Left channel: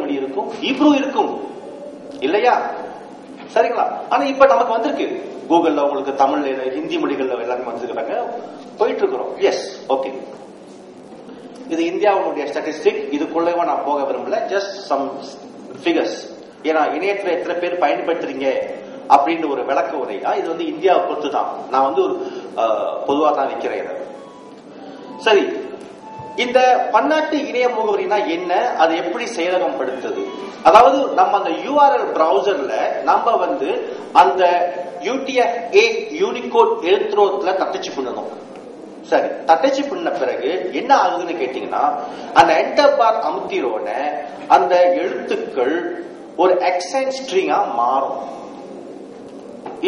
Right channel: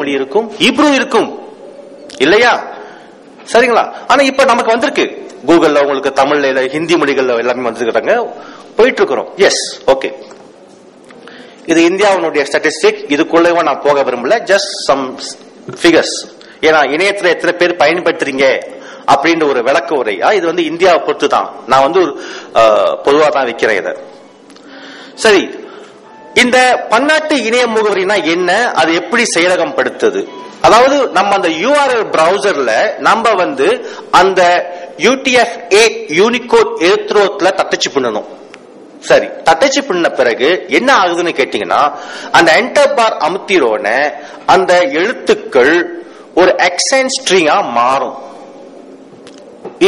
மொழி இருக்கும், ஹீப்ரூ இருக்கும் இல்லையா? சரிங்களா? ஆனா இப்ப நமக்கு வந்திருக்கு கூகுள்ல, உங்களுக்கு தமிழ்ல, ஹிந்தி மொழிகள்ல எல்லாமே வந்துருக்காங்க, போயிட்டு இருக்கிறோம். Yes, okay. இது இந்தியாவுடைய ஸ்டாட்டிஸ்டிக், இதுக்குள்ளே நான் போக விரும்பல, ஜஸ்ட் சம் ஃபிகர்ஸ். ஏன்னா இணையத்துல எத்தனை பேர் பயன்படுத்துறீங்க அப்படின்ற ஒரு விளக்க உரையா இது வந்து இந்தியாவை பொறுத்து தான். நான் வந்து ஒரு பொதுவா தான் வைக்கிறேன் இதை. சரி, இந்த பன்னாட்டு இணைய முகவரினா என்ன, அது எப்படி செயலகம் படுத்துது? அதாவது நம்ம அந்த URL பிரவுசர்ல நம்ம வந்து அந்த UTF-8 யூனிகோட் எழுத்துரோத்துல தட்டச்சு பண்ணணும். சரி, தட்டச்சு பண்ண பிறகு என்ன ஆகுதுன்னு கேட்டீங்கன்னா, அந்த என்டர் பார் அமுத்திரோன அந்த எழுத்துக்கள் ஒரு எக்ஸென்ட் ஸ்ட்ரிங்கா மாறும்.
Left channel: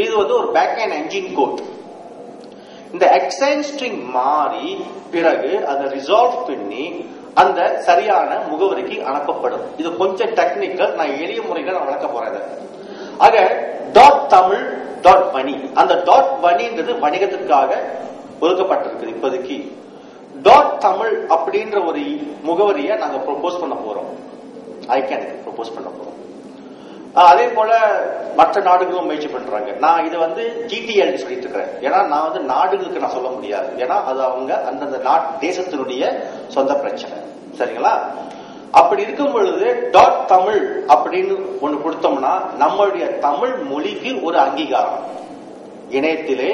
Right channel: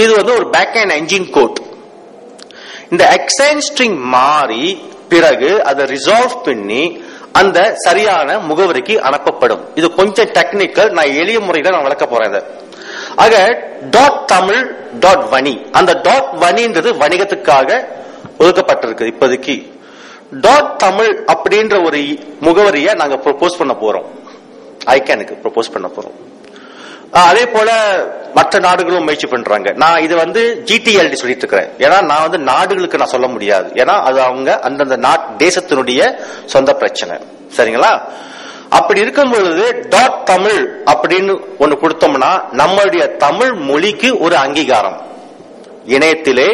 இது வந்து ஒரு பேக் அண்ட் என்ஜின் கோட். இந்த எக்ஸென்ட் ஸ்ட்ரிங் மாறி பிறகு அதை ரிசால்வ் பண்ணி அந்த சரியான முகவரிக்கு அனுப்பப்படும். இது கொஞ்சம் டெக்னிக்கல், நான் எளிய முறையில நான் விளக்க போறேன். ஆக .தமிழ் .வணி, அந்த .வணின்றது வணிகத்துக்காக ஒதுக்கப்பட்டிருக்கு. இப்போதைக்கு .தமிழ் அப்படின்ற ஒரு முகவரியை நாங்க ப்ரொபோஸ் பண்ண போறோம், ஐகானுக்கு ப்ரொபோஸ் பண்ண போறோம். அதே போல மற்ற நாடுகளும் முயற்சி பண்றாங்க. நான் இது வந்து GTLD சொல்லிட்டு இருக்கிறேன், ஏன்னா நான் வந்து நாடுகளுக்கு நான் சொல்ல முடியாது, ஏன்னா அது அவங்க அந்தந்த தேசத்தினுடைய சொந்த பிரச்சனை. சரிங்களா? அப்படி இருக்கும் பொழுது .தமிழ் அப்படின்னு ஒண்ணு கொடுத்தோம்னா நம்மளுடைய தமிழ் மொழிக்கு ஒரு அங்கீகாரம். இணையத்திலே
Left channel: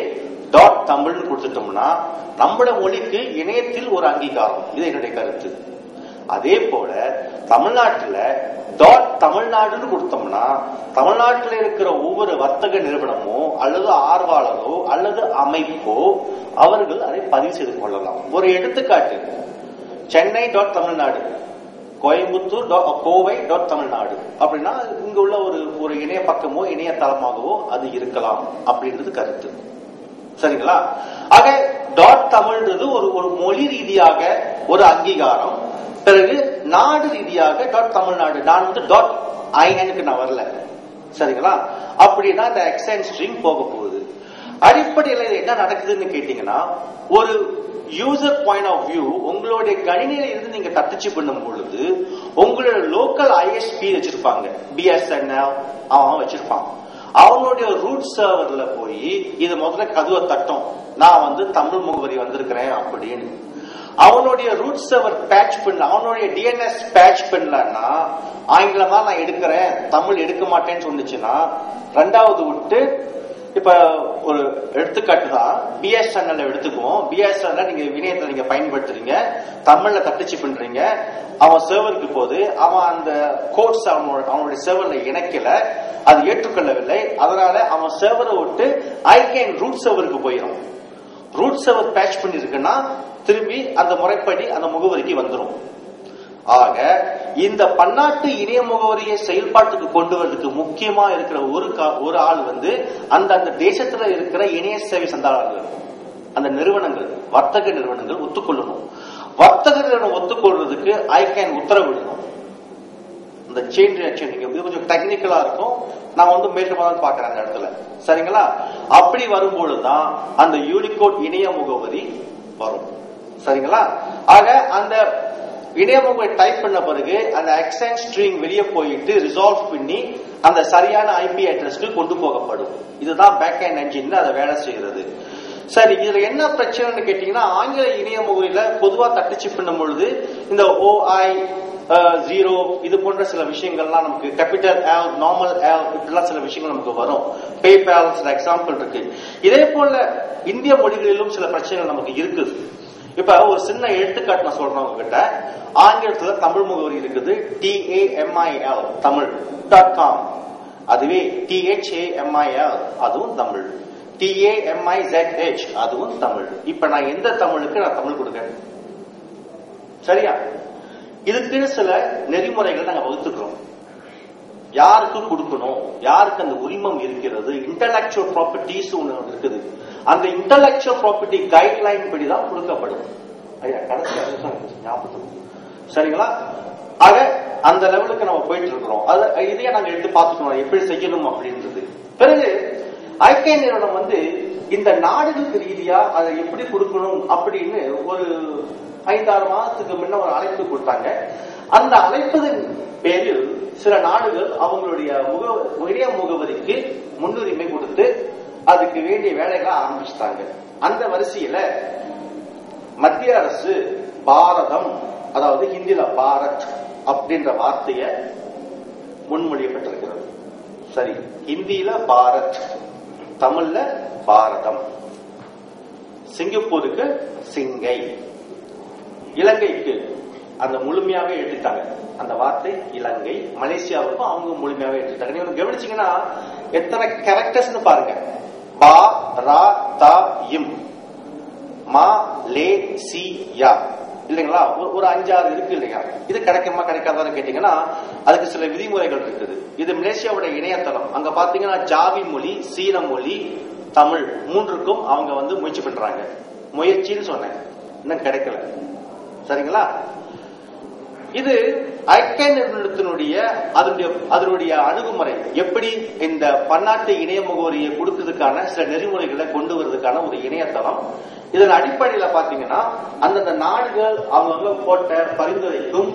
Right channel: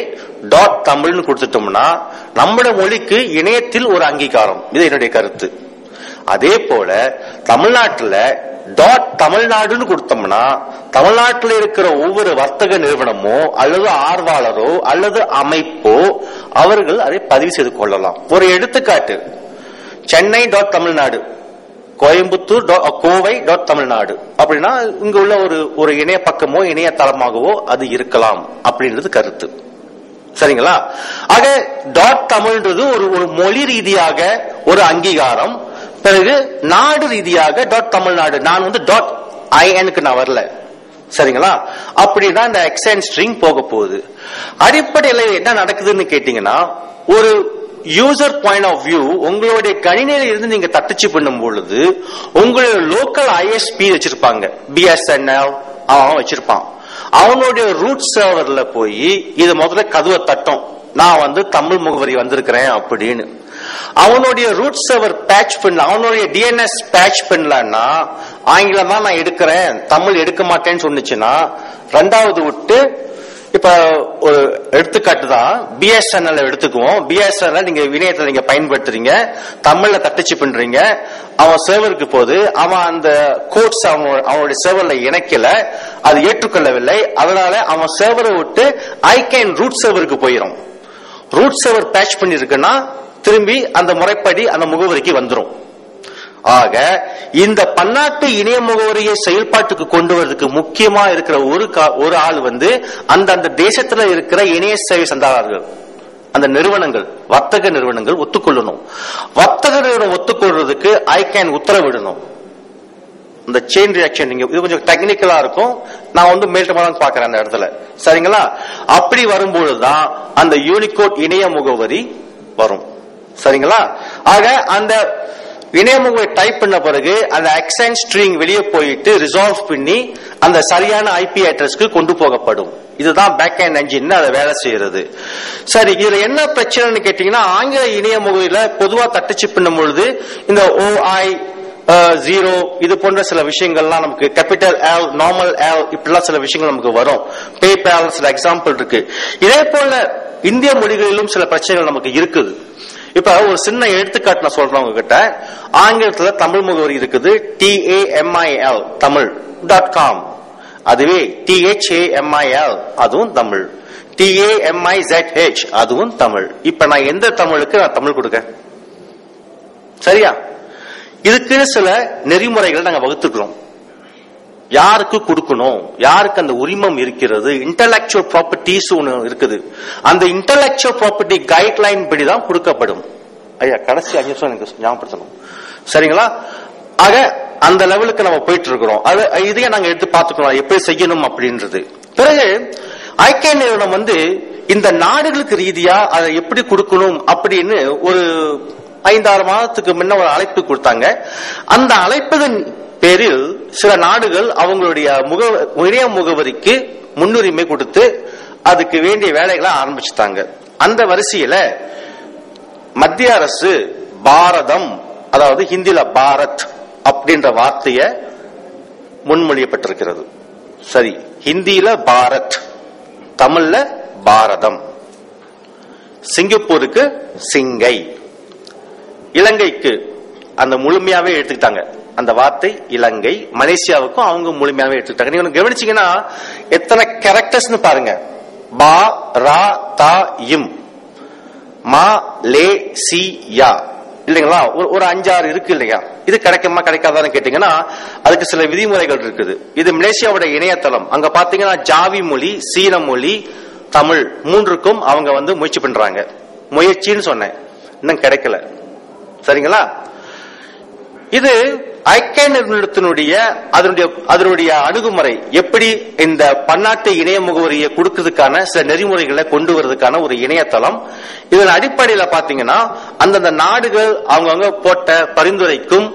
.தமிழ்னு கொடுத்துட்டோம்னா நம்மளோட மொழிக்கு இணையத்தில் ஒரு அங்கீகாரம். இது என்னுடைய கருத்து. அதே போல தமிழ்நாட்டுல தமிழ்நாடுன்னு கொடுத்தோம்னா தமிழ்நாட்டில் இருக்கிற ஒவ்வொரு வர்த்தக நிறுவனமோ அல்லது ஆர்வலரோ அல்லது அமைப்போ அவர்கள் அதை பதிவு செய்து கொள்ளலாம். ஒரு எடுத்துக்காட்டு, சென்னை .தமிழ்நாடு, கோயம்புத்தூர் கோவை .தமிழ்நாடு அப்படின்னா இங்க உள்ள ஒரு இணைய பக்கமோ இணையதளமாகவோ அது இருக்கலாம் அப்படின்றது கருத்து. சரிங்களா? ஆக .தமிழ்ன்றது ஒரு மொழி ரீதியாக ஒரு அங்கீகாரம். பிறகு நாடு ரீதியாக .தமிழ்நாடு. நான் வந்து .INக்கு நான் வரல. சரிங்களா? அப்படின்னா இந்த எக்ஸென்ட் ஸ்ட்ரிங் போக போகுது. அடிப்படையில் என்ன நடக்குதுன்னு கேட்டீங்கன்னா, ஒரு யூசர் பாயிண்ட் ஆஃப் வியூ, உங்களுடைய கணினியில இருந்து நீங்க தட்டச்சு பண்ணும் பொழுது உங்களுடைய லோக்கல் ISP வச்சிருப்பாங்க, BSNL அவன் வச்சிருப்பான். அவனுடைய ரூட் சர்வர்ல போய் இது முதல்ல கதவை தட்டும், நான் வந்து தமிழ் முகவரி வந்திருக்கிறேன் அப்படின்னு. அவனுடைய ரூட் சர்வர் பேட்ச் பண்ண, அவனுடைய DNS பேட்ச் பண்ணலன்னா ஆங்கிலம் தான் நான் எடுக்கிறேன், தமிழ் எடுக்க மாட்டேன்னு சொன்னிச்சுன்னா ரெண்டாவது விட்டு, இப்ப ஒரு எடுத்துக்காட்டு தான் BSNL எடுத்துக்குவோம். BSNL நீங்க இணையத்தை நீங்க பயன்படுத்துறீங்க, தமிழ்ல தட்டச்சு பண்றீங்க, அவன் சர்வருக்கு போது அவன் அந்த கோட்ஸ் அவனுடைய சர்வர்ல இணைக்கல, அது ஏற்றுக்கொள்ளவில்லை. அதனால அவன் சர்வரை விட்டு ஐகேன் ரூட் சர்வருக்கு போயிடும். ரூட் சர்வர் பேட்ச் பண்ணிருக்குன்னா திரும்பி அந்த முறைப்படி அந்த முகவரிக்கு வந்துடும். ஆக இந்த பன்னாட்டு இணைய முகவரியை செயல்பாட்டுக்கு கொண்டு வரதுக்கு முக்கியமா இருக்கிற ஒரு ஆள் வந்து அந்த தேசத்துல இருக்கிற இணைய சேவை சந்தாதாரர்கள், அந்த நிறுவனங்கள், வர்த்தக நிறுவனங்கள் ஒத்துக்கொள்ளணும். வர்த்தக நிறுவனம் ஒத்துக்கொள்றதுக்கு ஐகேன் உத்தரவிடணும். இந்த செயின் ரியாக்ஷன் இது கொஞ்சம் டெக்னிக்கலா இருக்கும், நான் வந்து மேல்டமாக பாக்குறேன் அந்த இடத்துல. சரிங்களா? அப்படி வரும்பொழுதுதான் அந்த யூனிகோட் இணைய முகவரி வரும். சரிங்களா? ஆக அந்த இணைய முகவரி டைப் பண்ண பிறகு அந்த எக்ஸென்ட் ஸ்ட்ரிங் வெளியே போயிட்டு ரிசால்வ் பண்ணி அந்த சரியான IP அட்ரஸ்க்கு கொண்டு போகப்படும். இதுதான் பேக் அண்ட் என்ஜின் அதை வேலை செய்யறது. சரி, இதுல என்ன பிரச்சனைன்னு கேட்டீங்கன்னா, ஆங்கில இணைய முகவரியில பொதுவா தட்டச்சு பண்ணும் பொழுது இந்த OI0 இது போன்ற சில விஷயங்கள்லாம் நமக்கு கேபிட்டல் L, நார்மல் L இப்படிலாம் சில விஷயங்கள் நமக்கு வரும். பேபால் சில எக்ஸாம்பிள் இருக்கு. இதே போல இந்திய மொழிகளிலும் சில பிரச்சனைகள் நமக்கு இருக்குது. இப்ப ஒரு சின்ன எடுத்துக்காட்டு நான் சொல்றேன் உங்ககிட்ட. ஆங்கிலத்துல தமிழ் முகவரி இருக்குது, TAMIL தமிழ் .com. அதுவே THAMIL அதுவும் தமிழ், TAMIZH அதுவும் தமிழ். இப்ப நான் எந்த தமிழுக்கு நான் தமிழ் கொடுக்க? சரியா? இதுக்கு சில நெறிமுறைகளை நாங்க வகுத்துக்கிறோம். யாருக்கு கொடுக்கணும், யாருக்கு அந்த உரிமம் இருக்கிறது, இன்டலெக்சுவல் ப்ராப்பர்ட்டிஸ் ஒன்று இருக்குது. அந்த இன்டலெக்சுவல் ப்ராப்பர்ட்டி கைட்லைன் படிதான் கொடுக்கப்படும். ஐயா கடைசி 5 நிமிஷம் எனக்கு ஞாபகப்படுத்தணும். சரிங்களா? ஆக அந்த லெவலுக்கு நம்ம போயிட்டு இருக்கிறோம். இதையே நாங்க எடுத்து பார்த்துக்கிறோம் எப்படி செய்யணும் அப்படின்றது. பிறகு ஐகேன் நிறுவனம் வந்து இந்த நாடுகளுக்கு ரீதியா அதை எப்படி கொடுக்கணும் அப்படின்னு ஒரு 5-6 மாதத்துக்கு முன்ன ஒரு அழைப்பு கொடுத்தாங்க. அந்த அழைப்பதன் பேரில் சில நாடுகள் அவங்களுடைய இணைய முகவரிக்கு முன்னுரிமை கொடுத்து அதுக்கு வேண்டிய வேலைகளை ஆரம்பிச்சுட்டாங்க. அந்த வரிசையில மத்திய அரசு பாரதம், அதாவது ஹிந்தில பாரத் அப்படின்ற வார்த்தைய முன்மொழியப்பட்டிருக்கிறது. சரி, ஹிந்தியில பாரத், தமிழ்ல பாரதம். சிங்கப்பூருக்கு சிங்கை, இலங்கைக்கு அந்த முழுமையாவே எடுத்துக்கிட்டாங்க அந்த வார்த்தை இலங்கை. மலேசியாவுக்கும் அவங்க முழுமையாவே எடுத்துக்கிட்டாங்க. நீங்க கவனிச்சீங்கன்னா எத்தனை கேரக்டர்ஸ் பாருங்க. பா ரா தா இம், மா லே சி யா, இல்லைங்களா? ஒரு 5-6 இருக்கு இல்லையா? இது கிடைக்குமா கிடைக்காதான்னு கேட்டீங்கன்னா அதுக்கு சில விதிமுறைகள் இருக்குது. இது மலேசியாவோட இணையதளம். அங்க பாத்தீங்கன்னா ஜாவி மொழி, சீன மொழி, தமிழ் மூன்றுக்கும் அவங்க முயற்சி பண்றாங்க. முயற்சின்னு சொன்னேன், இன்னும் கிடைக்கல. சரிங்களா? இது ஐக்கிய நிறுவனத்தினுடைய அதனுடைய அணுகுமுறை எப்படி இந்த பன்னாட்டு இணைய முகவரியை கொடுக்கிறதுக்கான சில நெறிமுறைகளை கொண்டு வருவதற்கான ஒரு இணையதளம். இதன் அடிப்படையில பாத்தீங்கன்னா அந்தந்த நாடுகள் அவங்கவுங்க போட்ட பரிந்துரைக்கும்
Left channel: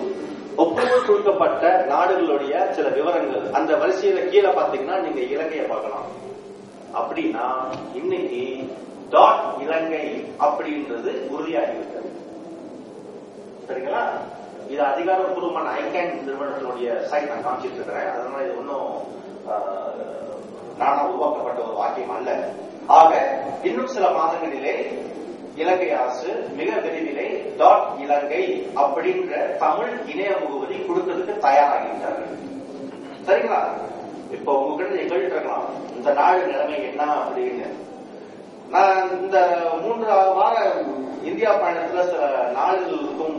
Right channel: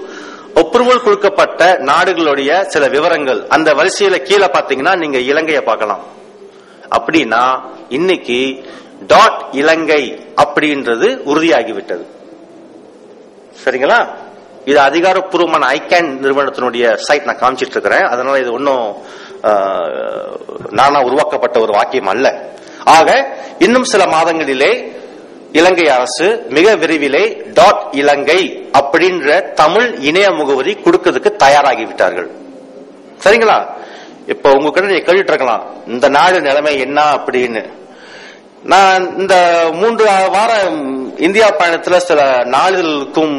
அப்ரூவல் கொடுக்கப்பட்ட நாடுகளுடைய சில விவரங்கள் அந்த வரிசையில கீழே பாத்தீங்கன்னா நீங்க இலங்கையை பார்க்கலாம். அப்படின்னா இன்னைக்கு டாட் இலங்கை அப்படின்றது உறுதியாகிவிட்டது. சரிங்களா? இது அதிகாரப்பூர்வமான ஐகேன் நிறுவனத்தினுடைய சைட் நான் காமிச்சிட்டு இருக்கிறேன். அதனால இது ஒன்னும் நானா உருவாக்கப்பட்ட ஒரு வாக்கியம் அல்ல. ஆக இன்னும் சில மாதங்களிலே இலங்கை அரசு மிக விரைவிலே டாட் இலங்கை அப்படின்ற தமிழ் இணைய முகவரி கொடுக்கிறதுக்கு தயாராகிவிட்டார்கள். சரிங்களா? இப்ப உங்ககிட்ட நீங்க கேட்டுட்டு இருக்கலாம், இந்த நாடு நிலைமை என்ன அப்படின்னு. நான் இந்த 3 வார இந்தியா பயணத்துல சில நாடுகளுக்கும்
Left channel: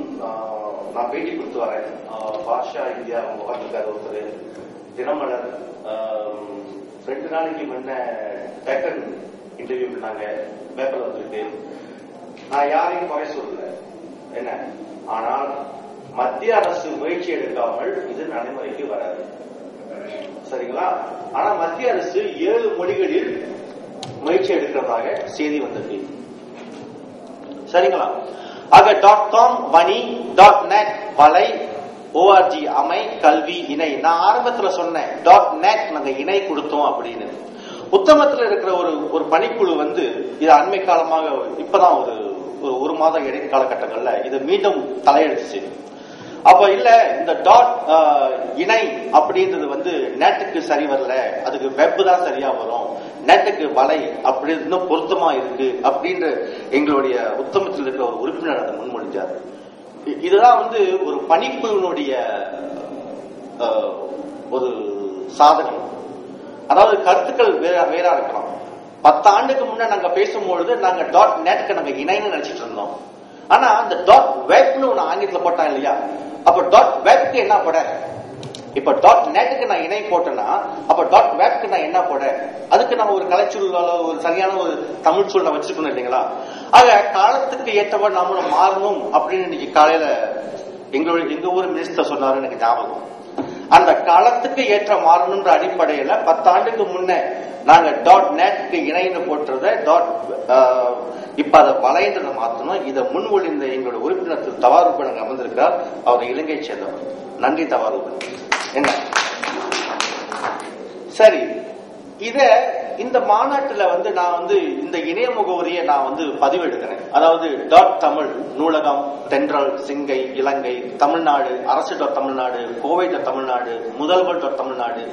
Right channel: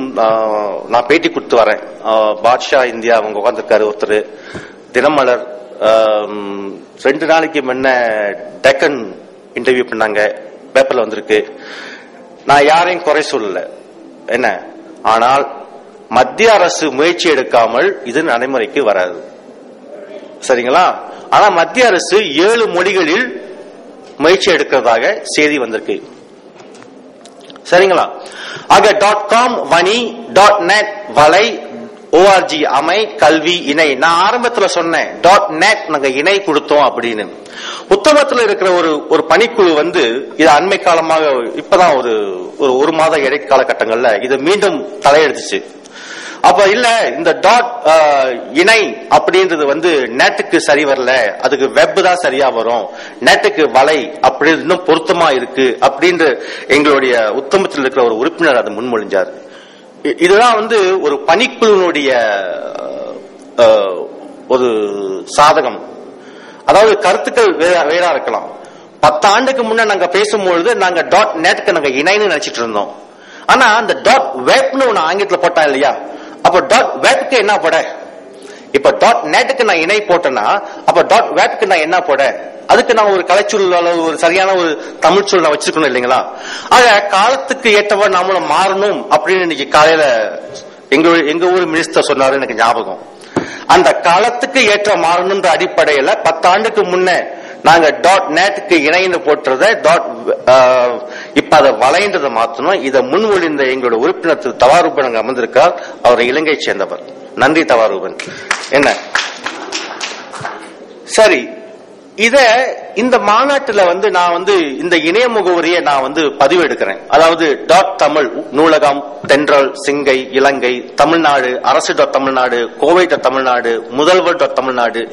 நான் பேட்டி கொடுத்து வரேன். பாட்ஷா இந்தியா அவங்க உட்காந்துருக்காரு ஒருத்தர், தினமலர் 2 நாளைக்கு முன்ன டெக்கன் இன்டர்வியூ பண்ணாங்க, பேப்பர்ல வந்திருக்கு. நான் யாரையும் குறை சொல்லல என்ன, ஆனால் மத்திய அரசு முயற்சி எடுக்காமல் இது நடைமுறைக்கு வராது. சரிங்களா? ஆனா மத்திய அரசு 7 மொழிகளில் முயற்சி எடுக்கிறதாக செய்தி வந்திருக்கு. சரிங்களா? ஆக .com வணி, .net வலை, .org அமை, கல்வி இணை. நான் ஆரம்பத்துல சொன்னேன் .net நாங்க இணை கொடுத்தோம் அப்படின்னு. புத்தகத்துல இருக்கிற ஒரு பணிக்குழு இது அண்மை காலமாக இப்பதான் ஒரு மாத இடைக்கால கட்டங்கள்ல இது மீண்டும் தலையெடுத்துச்சு. அப்ப இல்ல இந்த இணை அப்படின்றது நெட்டுக்கு சரி வரல, அதுக்கு வெப் தான் சரியா வரும், நெட்டுக்கு வலை அப்படி இன்னும் பொருத்தமா இருக்கு அப்படின்ற எங்களுடைய உத்தமத்தில் இருக்கிற ஒரு உறுப்பினர் அதை முன்மொழிஞ்சார். இதுதான் ஒரு பணிக்குழுனுடைய ஒரு சாதகம். அதாவது கருத்துக்கள் வேறா இருக்கலாம். 10 ஆண்டுக்கு முன்ன நாங்க பேசும்பொழுது நாங்க .netக்கு நாங்க இணைன்னு நினைச்சிட்டு இருந்தோம். ஆனா அந்த .webன்னு ஒண்ணு ஆங்கிலத்துல போட்டா இல்லையா, அப்ப .webக்கு என்ன போட? இப்ப .netக்கு நான் இணை போட்டேன்னா அப்ப .webக்கு நான் என்ன போட? அதுக்கு நான் ஒரு கலைச்சொல், ஒரு சரியான ஒரு தமிழ் சொல் நான் வச்சிருக்கணும் இல்லைங்களா? ஆக காலத்துக்கு ஏற்றவர் நாமளும் மாறணும் அப்படின்னு இன்னைக்கு காலையில எங்க ஊர் மினிஸ்டர் சொன்னாரு, எனக்கு ஞாபகம். அந்த காலத்துக்கு ஏற்ற மாறணும்ன்ற அடிப்படையில 10 ஆண்டுக்கு முன்ன நாங்க .netக்கு இணைன்னு போட்டுறத இப்ப அதை வலைன்றதை மாத்தணும். இதை முன்மொழிந்த எங்களோட உறுப்பினர் திரு தவாரூபன் அங்க அமர்ந்திருக்கார். அவர் இலங்கை சேர்ந்தவர். நன்றி தவாரூபன். என்ன சரி, இந்த மாநாட்டுல நான் இந்த இணைய முகவரியை நான் பதிவு எடுக்கிறேன். அதாவது .தமிழ் நூலகம், தென்றல், சிங்கை, இலங்கை, தமிழ்நாடு, அரசு தமிழ்நாடு, கோவை தமிழ்நாடு, முதல்வர் தமிழ்நாடு,